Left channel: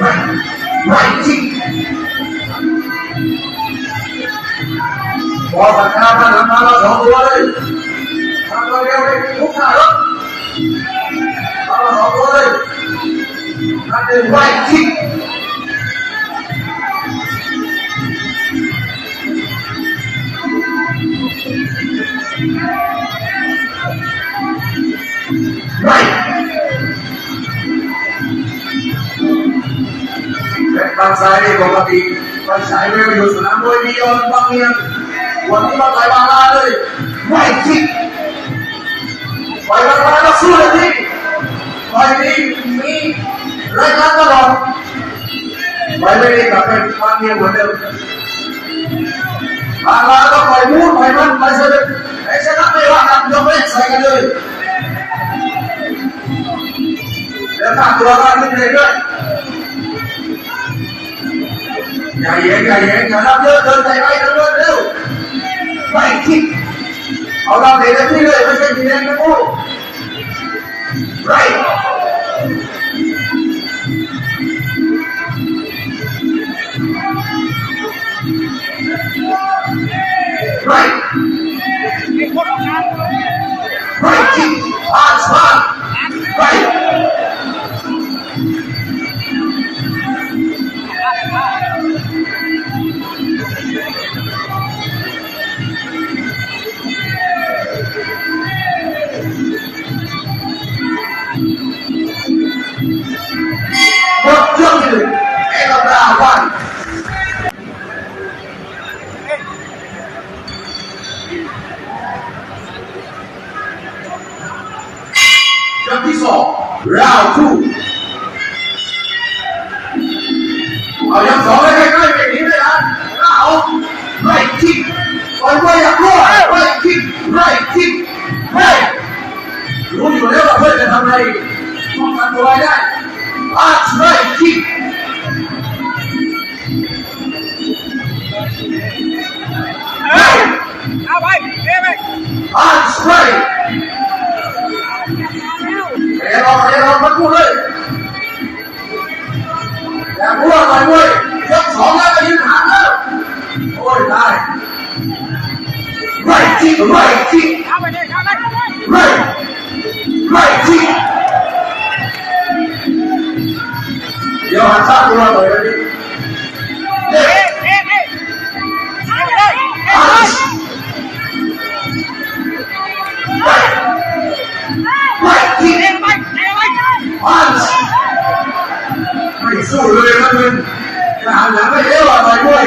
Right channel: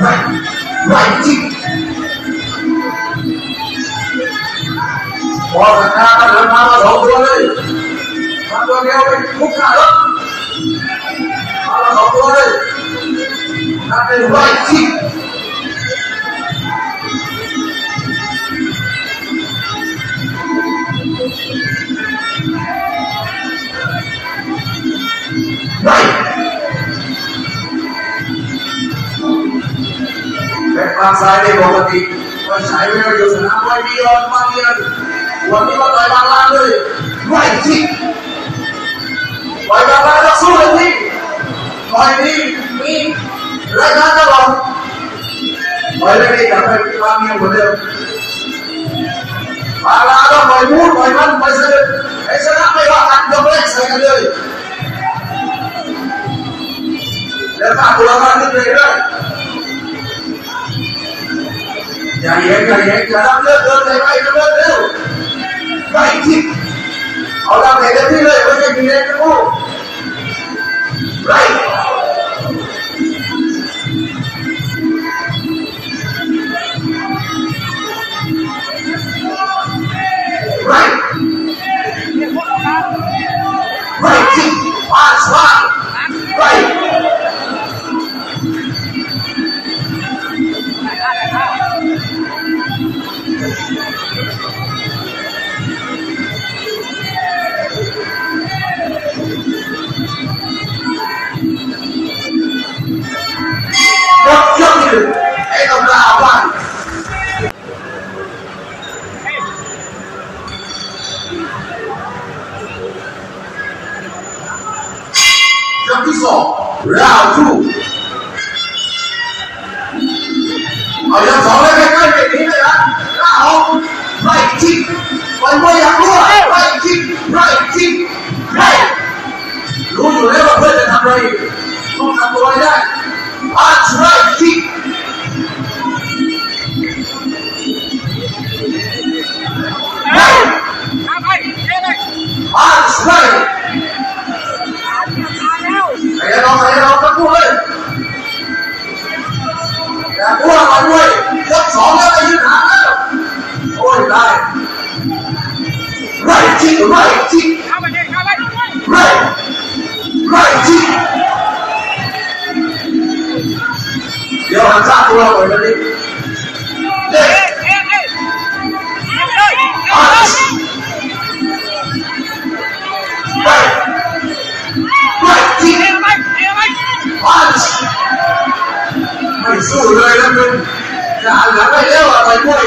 ไรจริงพอสัญญากันแล้วมามาสองตัวเลยทำ ตัวเดียไปทุกหน้ารถมามาสองตัวเลยนั่นเป็นไรจริงไรเป็นบางสายในปกติไปสายไปอยู่สนามมวยมียอนบางเนียนวันนี้มาต่อยบางลาเลยไรจริงต่อยบางลาก็สู้เลยพี่ต่อยนี้มีรายการตลอดไปไม่ได้กลับไปบางเนียนเหมือนเดิมบางลาก็ปล่อยมูดปล่อยมันไปเสด็จไอ้ชนะไม่ว่ากันยกเล่นใส่กันเลยเดี๋ยวข้าตัวข้าขึ้นเลยด้วย อย่าเย็นอย่าเย็นอย่ารับเลิกเดินไปไปเดินเร็วเร็วไปที่เอาดำเตะที่เลยไม่ใช่มีเล่นนะกูไรไร ยกที่สองราวทูเอายกสองเลยใกล้ๆไปนี้ไม่ได้ราวไรจิกไปไม่อยากรู้อะไรจิกไรจิกไรรู้อยู่แล้วว่าเพื่อนจะทำอะไรต้องทำตัวให้ได้ That's right, kick. Right, อย่าพูดอะไรเว้ยยกสองแล้วก็ยืนหางแล้วโอ้ยได้ Right kick, right kick, เอาไปเลยเอาไป right, right kick. เดี๋ยวหันข้างตัวเลยนะนี่เด็เอ้กเอ้เอ้เอาเลยอัน สู้เลยนะมึงจะหันหลังไปเอวอะไรด้วย